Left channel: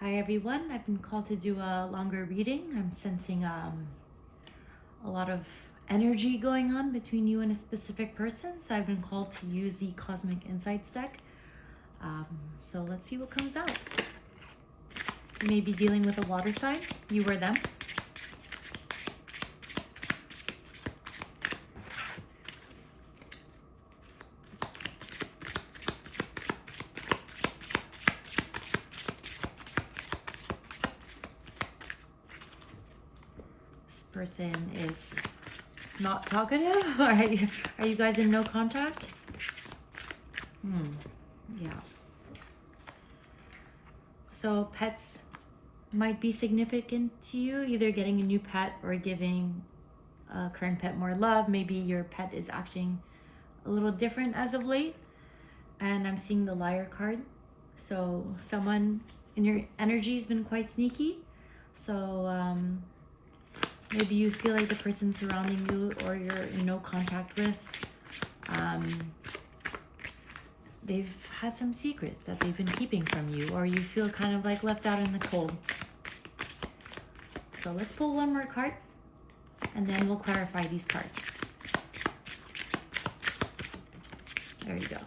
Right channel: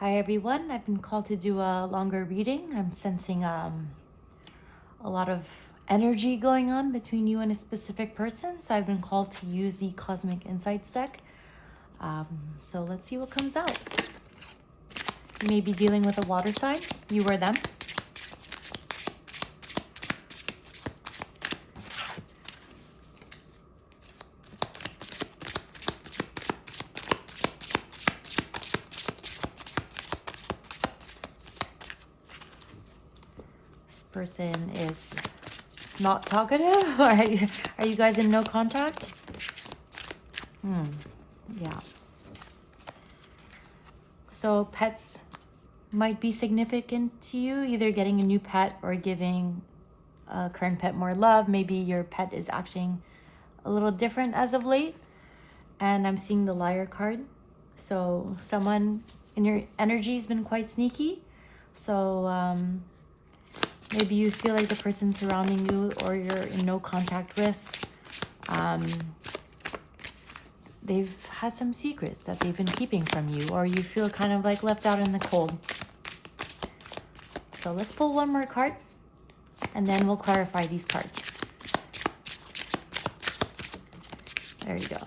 Hi everyone, I've been called to do a longer reading. I'm sensing a lot of energy going on between you and a specific person. So I've been called to use the Cosmic Insights deck. So let's see what comes out. You may be dealing with a water sign, you or them. This person is not talkative. Are you guys in no contact? Yeah. So pets might be significant to you, either getting a new pet or giving a current pet more love. Maybe your pet is acting a little different as of late. And I'm seeing the Liar card. So someone in your energy has been quite sneaky. So maybe you feel like the person surrounding you or you're in no contact with, they've had some secrets that they've been keeping from you, or you feel kind of like left out in the cold. So let's pull one more card and then we'll clarify these cards. There you go.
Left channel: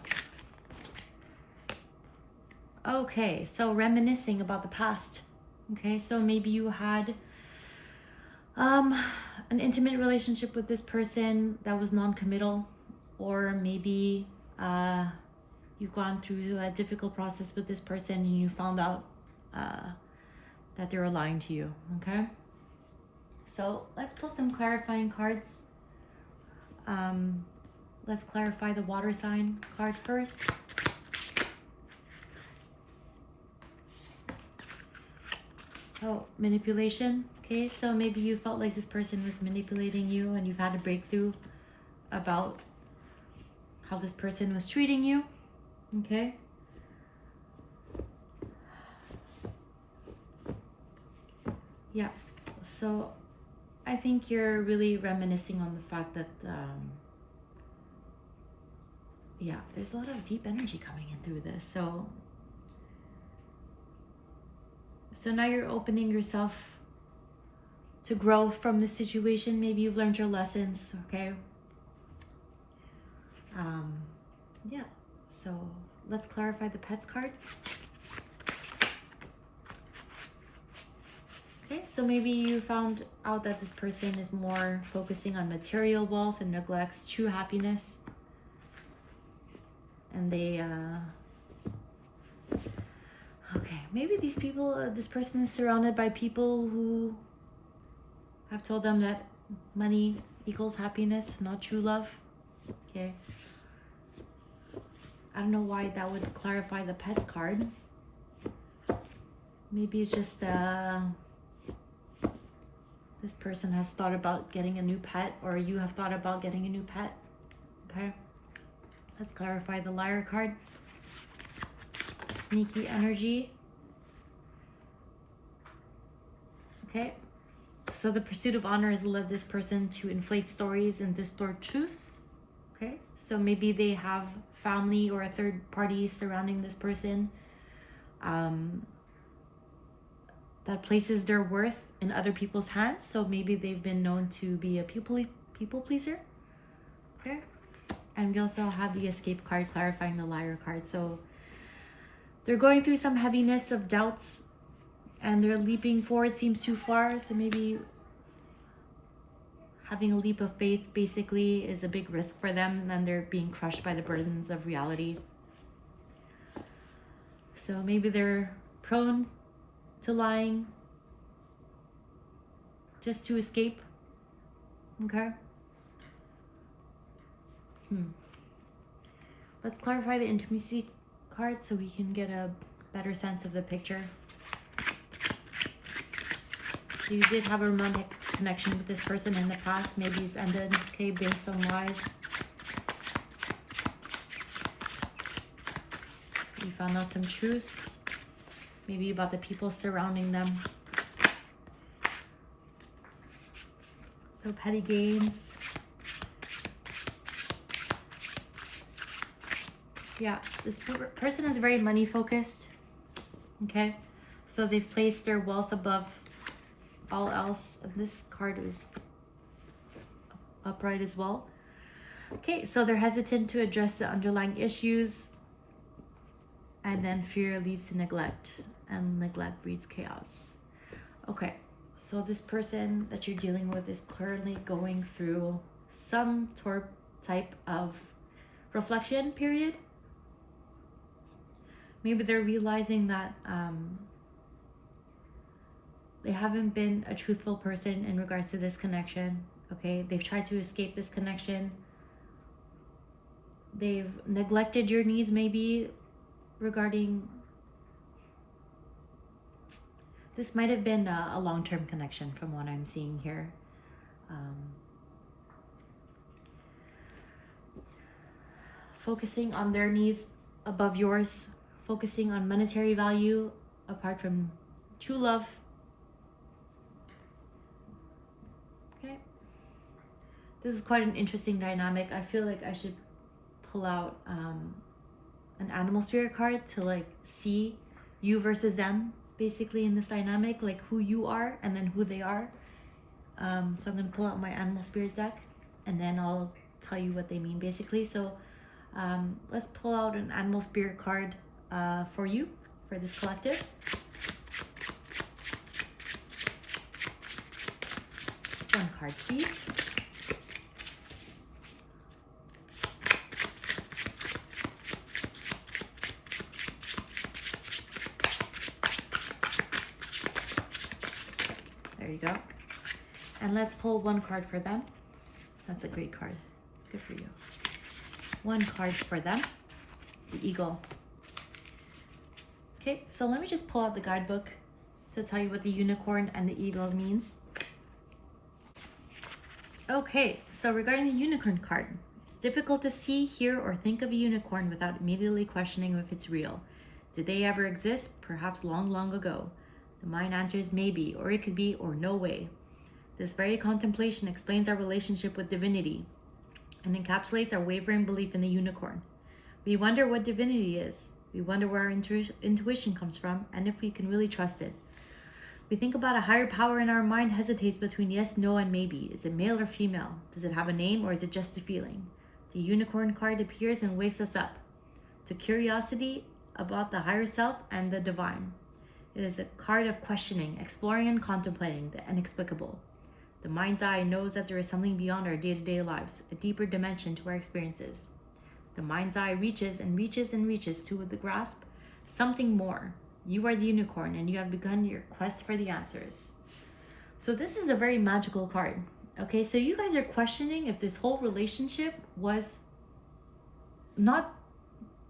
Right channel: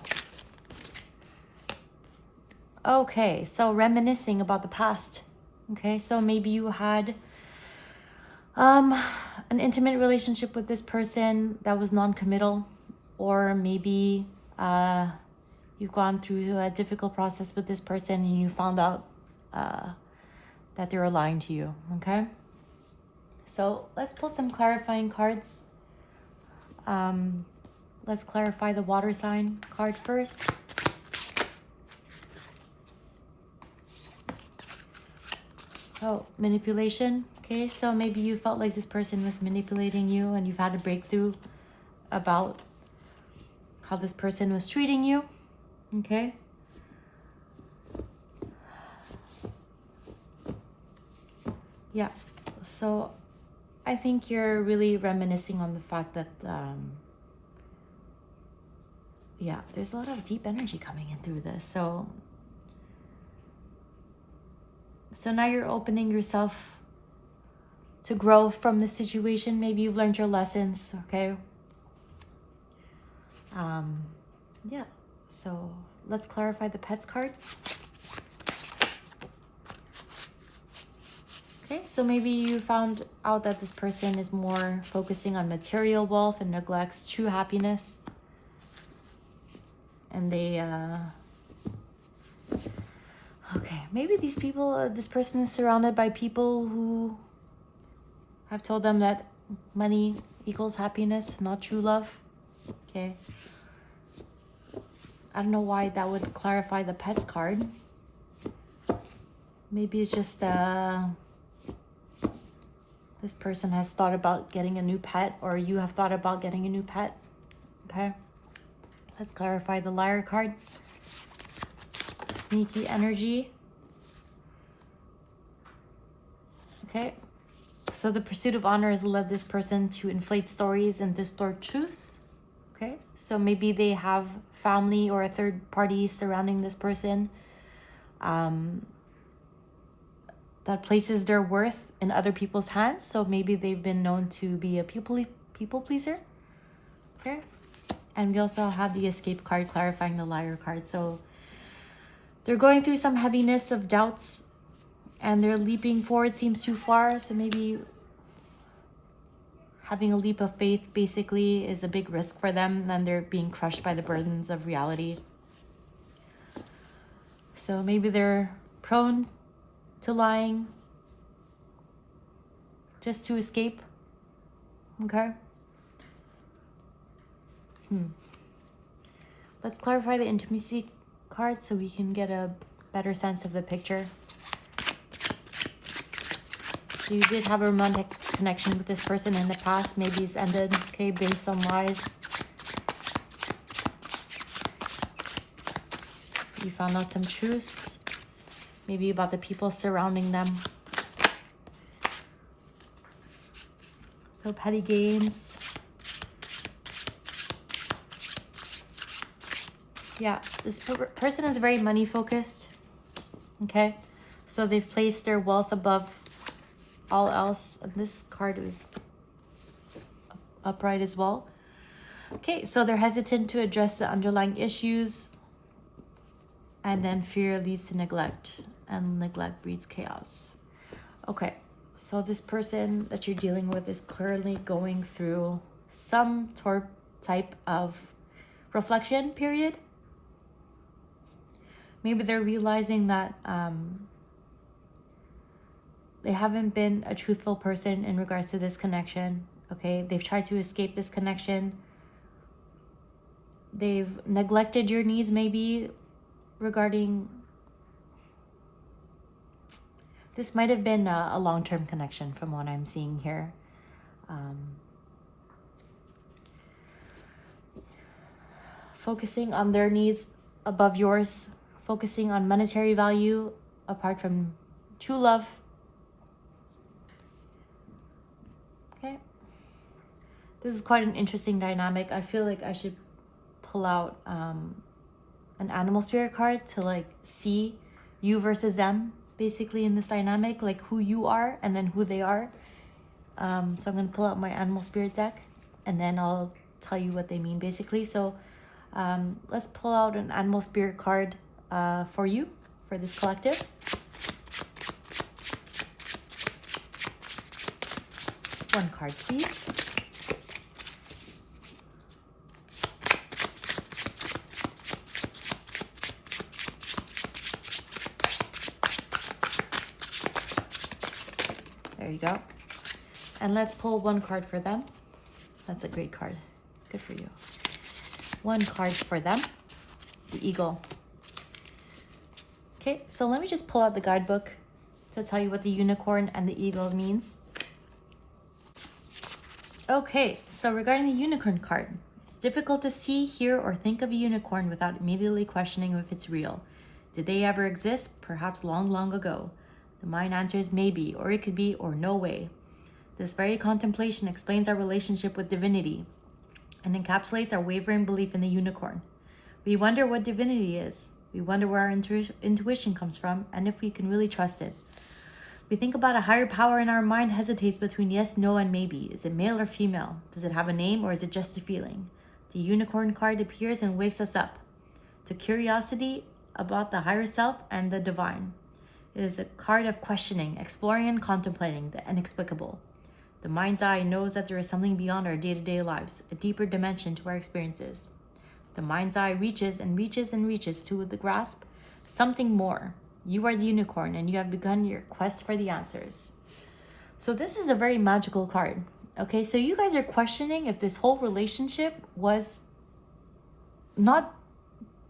Okay, so reminiscing about the past. Okay, so maybe you had an intimate relationship with this person that was non-committal, or maybe you've gone through a difficult process with this person and you found out that they were lying to you. Okay, so let's pull some clarifying cards. Let's clarify the water sign card first. Oh, manipulation. Okay, so maybe you felt like this person was manipulating you and you've had a breakthrough about how this person was treating you. Okay. Yeah, so I think you're really reminiscing on the fact that, yeah, there's a lot of deep energy coming in through this. So now you're opening yourself to grow from the situation. Maybe you've learned your lessons, okay? Yeah, so let's clarify the pets card. Okay, so maybe you found out that this person is more focusing on material wealth and neglects true happiness. And they, okay, maybe these people, this person is surrounded by people who have told them that money equals happiness, not true love. Okay. I don't know why that would clarify the pets card. Maybe it's just this person has thought about getting a new pet, or you have thought about getting a new pet. Okay. Let's clarify the Liar card. Sneaky energy. Okay. So the pursuit of honor has led this person to inflate stories and distort truths. Okay. So maybe they have family or a third party surrounding this person that places their worth in other people's hands. So maybe they've been known to be a people pleaser. Okay. And we also have the Escape card clarifying the Liar card. So they're going through some heaviness of doubts and their leaping forward seems too far. So maybe having a leap of faith basically is a big risk for them, and they're being crushed by the burdens of reality. So maybe they're prone to lying just to escape. Okay. Let's clarify the intimacy card so we can get a better sense of the picture. So you did have a romantic connection with this person in the past. Maybe it's ended, okay, based on lies. You found out some truths, maybe about the people surrounding them. So petty gains. Yeah, this person is very money focused. Okay, So they've placed their wealth above all else. And this card was upright as well. Okay, so they're hesitant to address the underlying issues. And then fear leads to neglect. And neglect breeds chaos. Okay, so this person that you're dealing with is currently going through some type of reflection period. Maybe they're realizing that they haven't been a truthful person in regards to this connection. Okay, they've tried to escape this connection. They've neglected your needs maybe regarding... This might have been a long-term connection from what I'm seeing here. Focusing on their needs above yours. Focusing on monetary value apart from true love. Okay. This is quite an interesting dynamic. I feel like I should pull out an animal spirit card to like see you versus them. Basically in this dynamic, like who you are and then who they are. So I'm going to pull out my animal spirit deck and then I'll tell you what they mean basically. So let's pull out an animal spirit card for you, for this collective. Just one card, please. There you go. And let's pull one card for them. That's a great card. Good for you. One card for them. The eagle. Okay, so let me just pull out the guidebook to tell you what the unicorn and the eagle means. Okay, so regarding the unicorn card, it's difficult to see, hear, or think of a unicorn without immediately questioning if it's real. Did they ever exist? Perhaps long, long ago. The mind answers maybe, or it could be, or no way. This very contemplation explains our relationship with divinity and encapsulates our wavering belief in the unicorn. We wonder what divinity is. We wonder where our intuition comes from and if we can really trust it. We think about a higher power and our mind hesitates between yes, no, and maybe. Is it male or female? Does it have a name or is it just a feeling? The unicorn card appears and wakes us up to curiosity about the higher self and the divine. It is a card of questioning, exploring, and contemplating the inexplicable. The mind's eye knows that there is something beyond our day-to-day lives, a deeper dimension to our experiences. The mind's eye reaches and reaches and reaches to the grasp something more. You are the unicorn and you have begun your quest for the answers. So this is a very magical card. Okay, so you guys are questioning if this whole relationship was not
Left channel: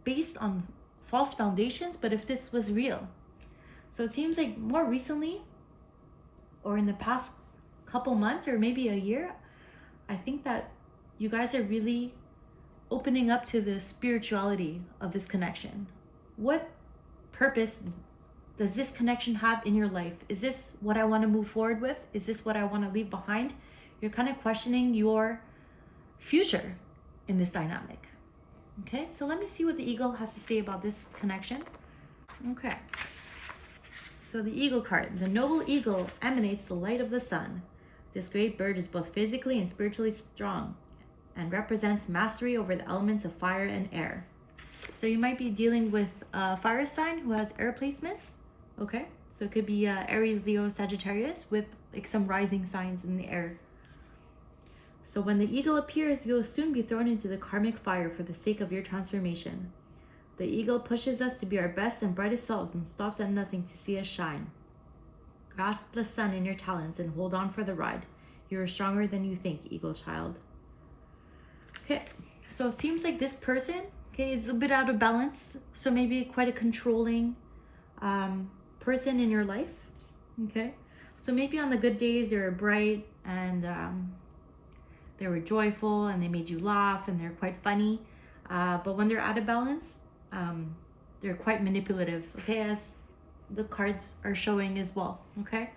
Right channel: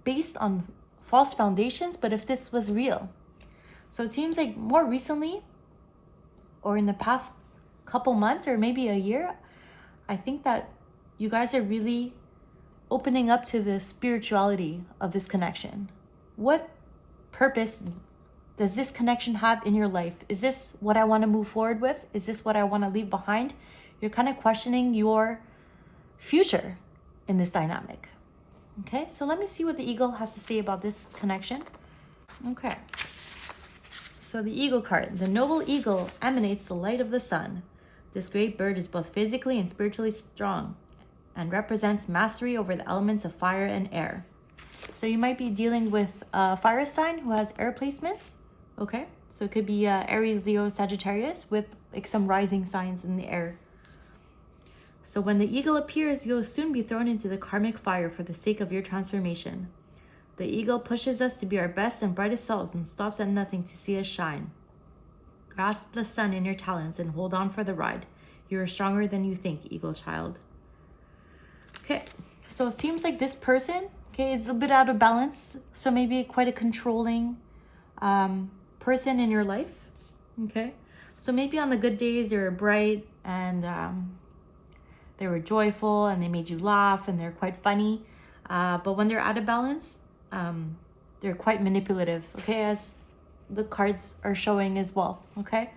based on false foundations, but if this was real. So it seems like more recently, or in the past couple months, or maybe a year, I think that you guys are really opening up to the spirituality of this connection. What purpose does this connection have in your life? Is this what I want to move forward with? Is this what I want to leave behind? You're kind of questioning your future in this dynamic. Okay, so let me see what the eagle has to say about this connection. Okay. So the eagle card, the noble eagle emanates the light of the sun. This great bird is both physically and spiritually strong and represents mastery over the elements of fire and air. So you might be dealing with a fire sign who has air placements. Okay, so it could be Aries, Leo, Sagittarius with like some rising signs in the air. So when the eagle appears, you'll soon be thrown into the karmic fire for the sake of your transformation. The eagle pushes us to be our best and brightest selves and stops at nothing to see us shine. Grasp the sun in your talons and hold on for the ride. You are stronger than you think, eagle child. Okay, so it seems like this person, okay, is a bit out of balance. So maybe quite a controlling person in your life. Okay, so maybe on the good days they were bright and they were joyful and they made you laugh and they're quite funny. But when they're out of balance, they're quite manipulative, okay, as the cards are showing as well, okay?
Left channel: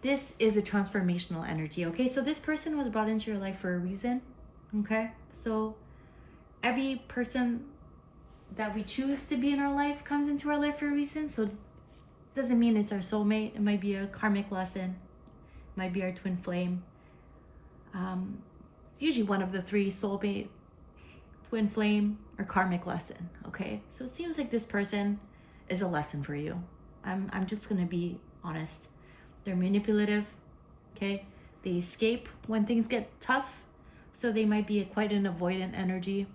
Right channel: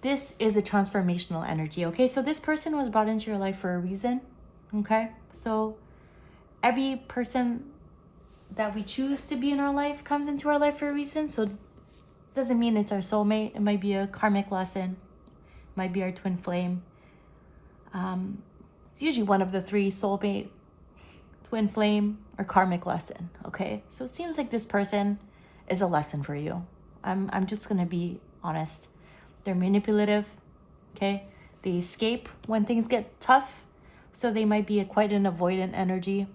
This is a transformational energy, okay? So this person was brought into your life for a reason, okay? So every person that we choose to be in our life comes into our life for a reason. So it doesn't mean it's our soulmate. It might be a karmic lesson. It might be our twin flame. It's usually one of the three: soulmate, twin flame, or karmic lesson. Okay, so it seems like this person is a lesson for you. I'm just gonna be honest. They're manipulative. Okay, they escape when things get tough, so they might be quite an avoidant energy.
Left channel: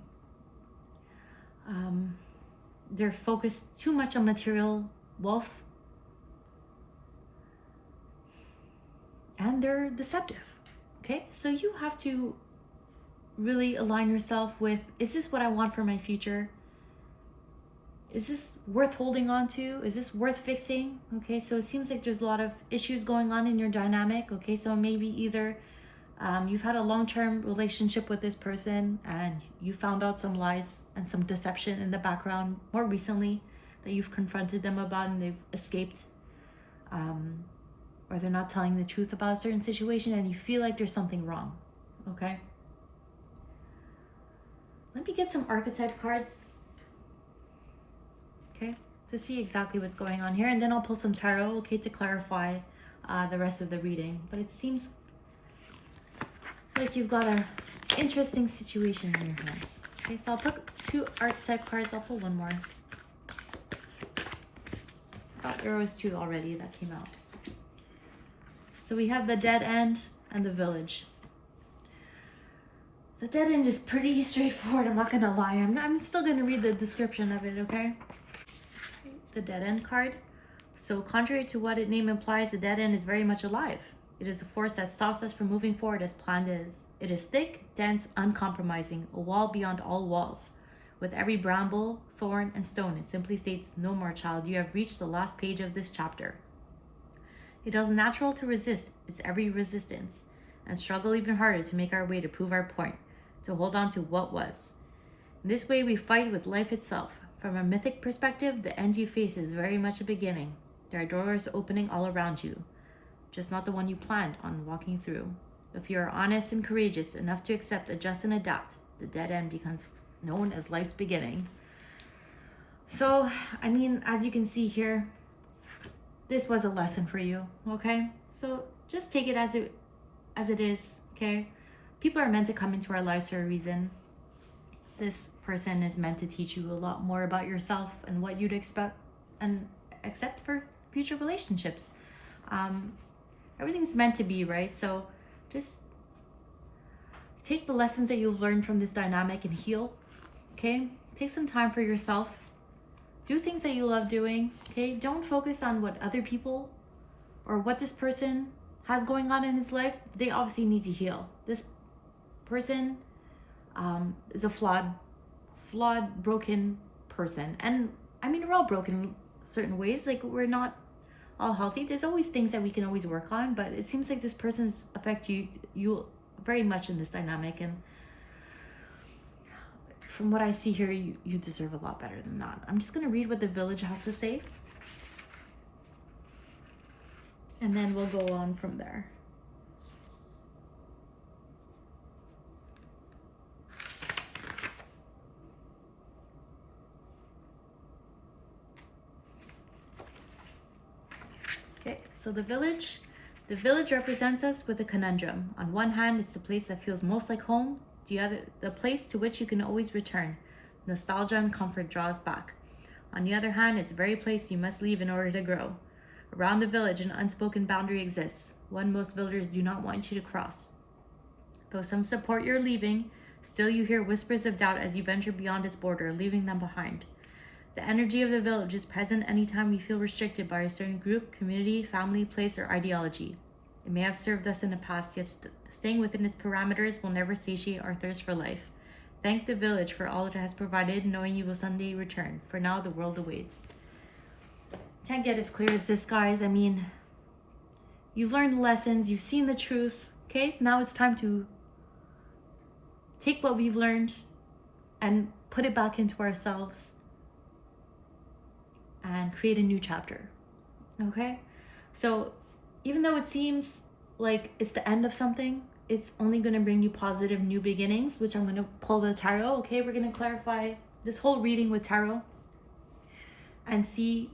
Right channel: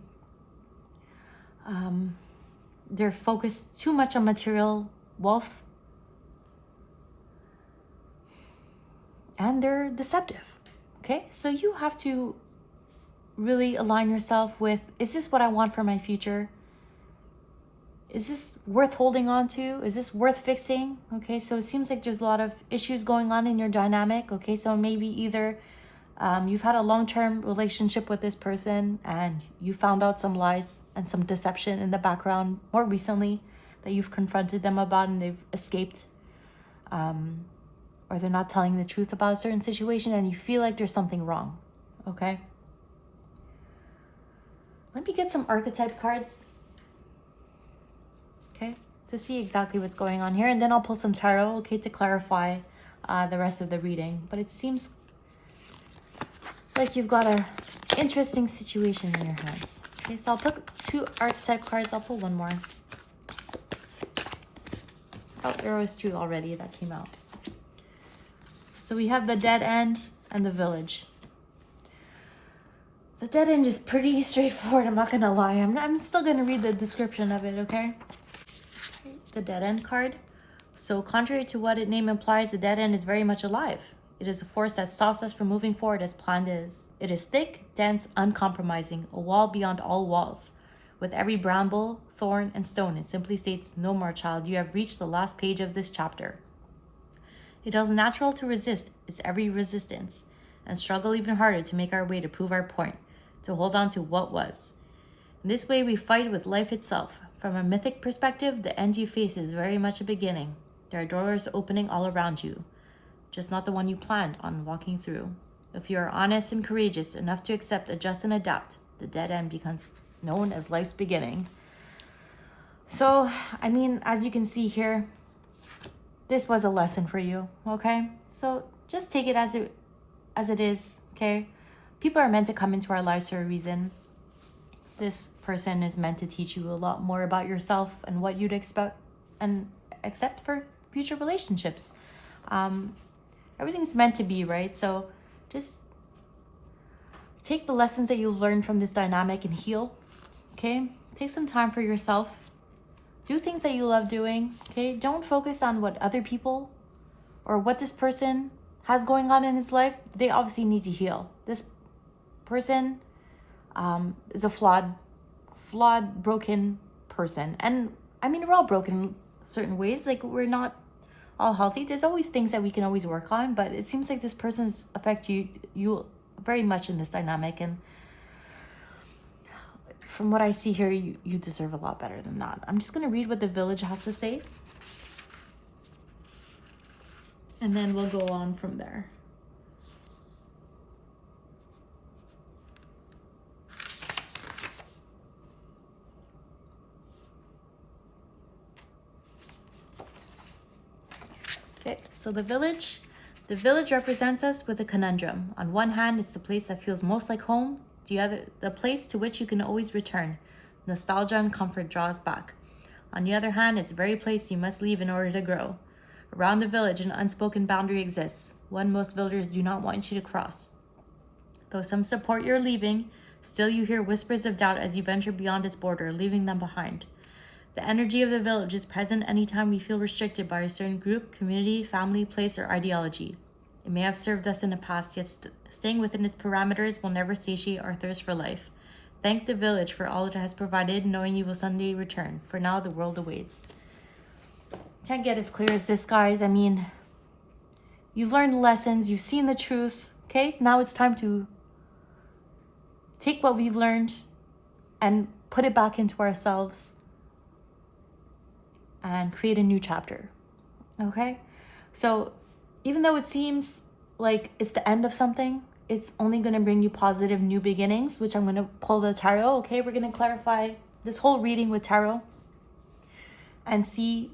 They're focused too much on material wealth, and they're deceptive. Okay, so you have to really align yourself with, is this what I want for my future? Is this worth holding on to? Is this worth fixing? Okay, so it seems like there's a lot of issues going on in your dynamic. Okay, so maybe either you've had a long-term relationship with this person and you found out some lies and some deception in the background more recently that you've confronted them about and they've escaped. Or they're not telling the truth about a certain situation and you feel like there's something wrong. Okay? Let me get some archetype cards. Okay? To see exactly what's going on here. And then I'll pull some tarot, okay, to clarify the rest of the reading. But it seems like you've got an interesting situation in your hands. Okay, so I'll put 2 archetype cards. I'll pull one more. Oh, there was 2 already that came out. So we have the dead end and the village. The dead end is pretty straightforward, I'm not gonna lie. I'm still gonna read the description of it, okay? The dead end card. So contrary to what its name implies, the dead end is very much alive. It is a force that stops us from moving forward as planned is. It is thick, dense, uncompromising, a wall beyond all walls. With every bramble, thorn, and stone, it simply states, "No more, child, you have reached the last page of this chapter." It is natural to resist its every resistance and struggle even harder to make our way to prove our point, to hold on to what was. In this way, we fight with life itself. From a mythic perspective, the end you face is very much a beginning. There are doors opening all around you, just not the one you planned on walking through. If you are honest and courageous enough to accept, adjust, and adapt, the dead end becomes known as life's beginning. So, I mean, as you can see here, this was a lesson for you, okay? So just take it as it is, okay? People are meant to come into our lives for a reason. This person is meant to teach you a lot more about yourself and what you'd expect and accept for future relationships. Everything's meant to be, right? So just take the lessons that you've learned from this dynamic and heal, okay? Take some time for yourself. Do things that you love doing, okay? Don't focus on what other people or what this person has going on in his life. They obviously need to heal. This person is a flawed, broken person. And I mean, we're all broken in certain ways. Like, we're not all healthy. There's always things that we can always work on, but it seems like this person's affect you very much in this dynamic. And from what I see here, you deserve a lot better than that. I'm just going to read what the village has to say. And then we'll go on from there. Okay, so the village represents us with a conundrum. On one hand, it's the place that feels most like home. The place to which you can always return. Nostalgia and comfort draws back. On the other hand, it's the very place you must leave in order to grow. Around the village, an unspoken boundary exists, one most villagers do not want you to cross. Though some support your leaving, still you hear whispers of doubt as you venture beyond its border, leaving them behind. The energy of the village is present anytime we feel restricted by a certain group, community, family, place, or ideology. It may have served us in the past, yet staying within its parameters will never satiate our thirst for life. Thank the village for all it has provided, knowing you will someday return. For now, the world awaits. Can't get as clear as this, guys. I mean, you've learned lessons, you've seen the truth, okay? Now it's time to take what we've learned and put it back into ourselves and create a new chapter, okay? So even though it seems like it's the end of something, it's only going to bring you positive new beginnings, which I'm going to pull the tarot, okay? We're going to clarify this whole reading with tarot and see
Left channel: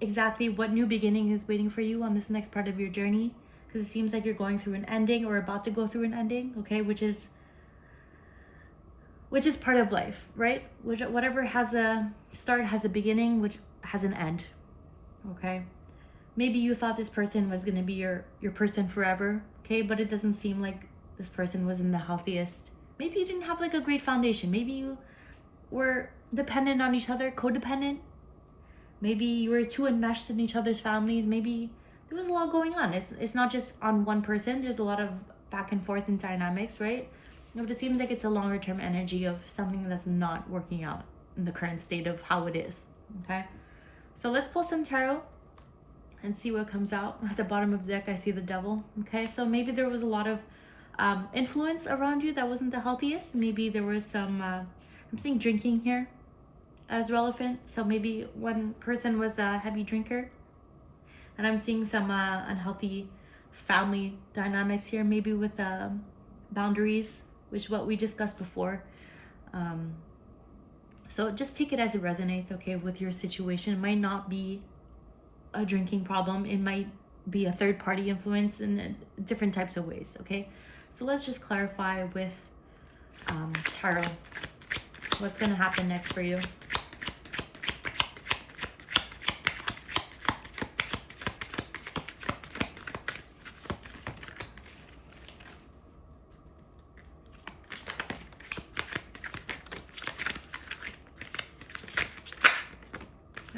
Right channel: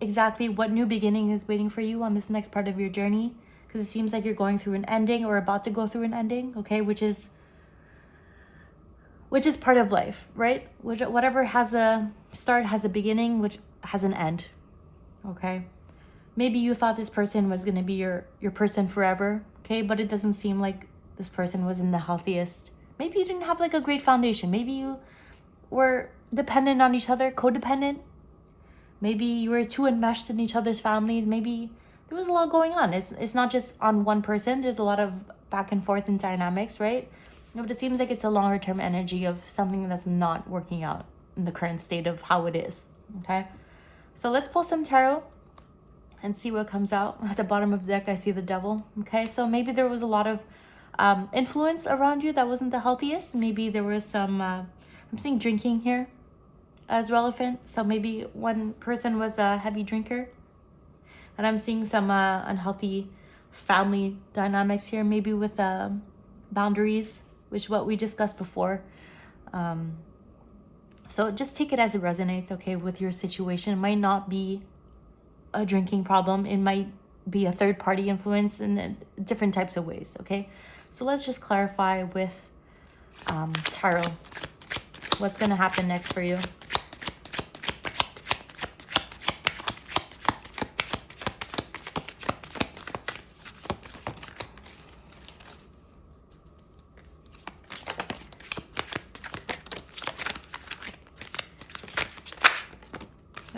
exactly what new beginning is waiting for you on this next part of your journey, because it seems like you're going through an ending or about to go through an ending, okay, which is part of life, right? Whatever has a start has a beginning, which has an end, okay? Maybe you thought this person was going to be your person forever, okay? But it doesn't seem like this person was in the healthiest. Maybe you didn't have like a great foundation. Maybe you were dependent on each other, codependent. Maybe you were too enmeshed in each other's families. Maybe there was a lot going on. It's not just on one person. There's a lot of back and forth in dynamics, right? But it seems like it's a longer term energy of something that's not working out in the current state of how it is, okay? So let's pull some tarot and see what comes out. At the bottom of the deck, I see the devil, okay? So maybe there was a lot of influence around you that wasn't the healthiest. Maybe there was some, I'm seeing drinking here as relevant. So maybe one person was a heavy drinker. And I'm seeing some unhealthy family dynamics here, maybe with boundaries, which is what we discussed before. So just take it as it resonates, okay, with your situation. It might not be a drinking problem. It might be a third-party influence in different types of ways, okay? So let's just clarify with tarot what's going to happen next for you.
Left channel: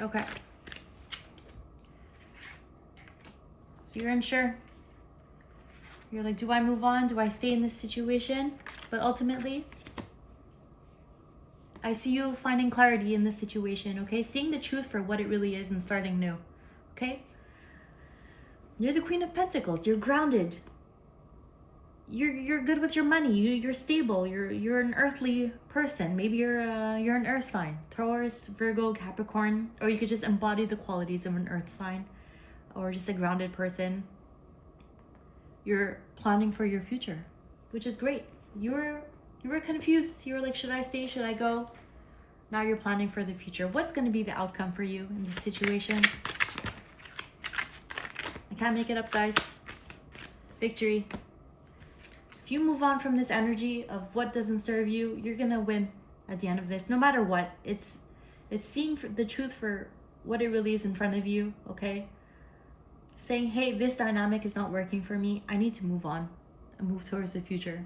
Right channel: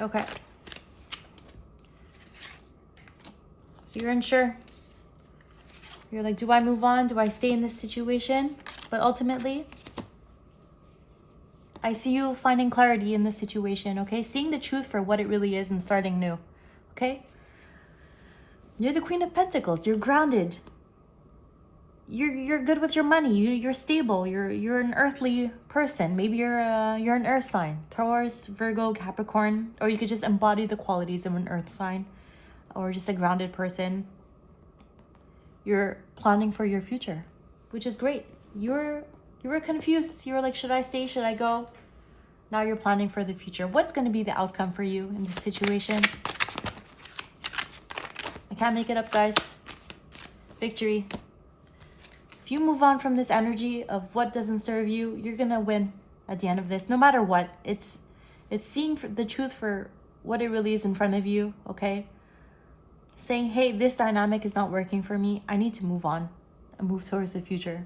Okay. So you're unsure. You're like, do I move on? Do I stay in this situation? But ultimately, I see you finding clarity in this situation, okay? Seeing the truth for what it really is and starting new, okay? You're the Queen of Pentacles. You're grounded. You're good with your money. You're stable. You're an earthly person. Maybe you're an earth sign. Taurus, Virgo, Capricorn. Or you could just embody the qualities of an earth sign. Or just a grounded person. You're planning for your future, which is great. You were confused. You were like, should I stay? Should I go? Now you're planning for the future. What's going to be the outcome for you in this situation? I can't make it up, guys. Victory. If you move on from this energy of what doesn't serve you, you're going to win at the end of this, no matter what. It's seeing the truth for what it really is in front of you, okay? Saying, hey, this dynamic is not working for me. I need to move on and move towards the future.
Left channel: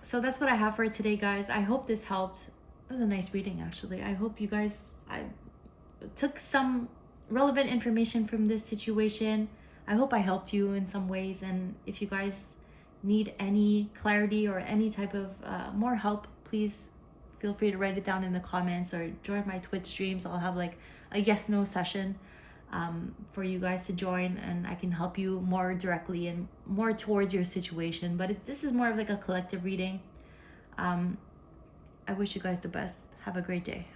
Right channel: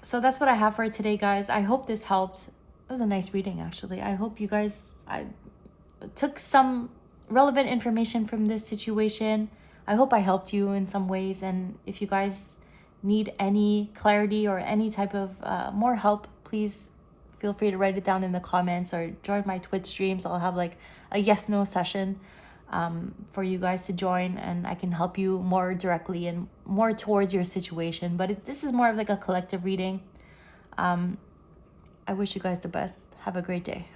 So that's what I have for today, guys. I hope this helped. It was a nice reading, actually. I hope you guys, I took some relevant information from this situation. I hope I helped you in some ways. And if you guys need any clarity or any type of more help, please feel free to write it down in the comments or join my Twitch streams. I'll have like a yes/no session for you guys to join, and I can help you more directly and more towards your situation. But this is more of like a collective reading. I wish you guys the best. Have a great day.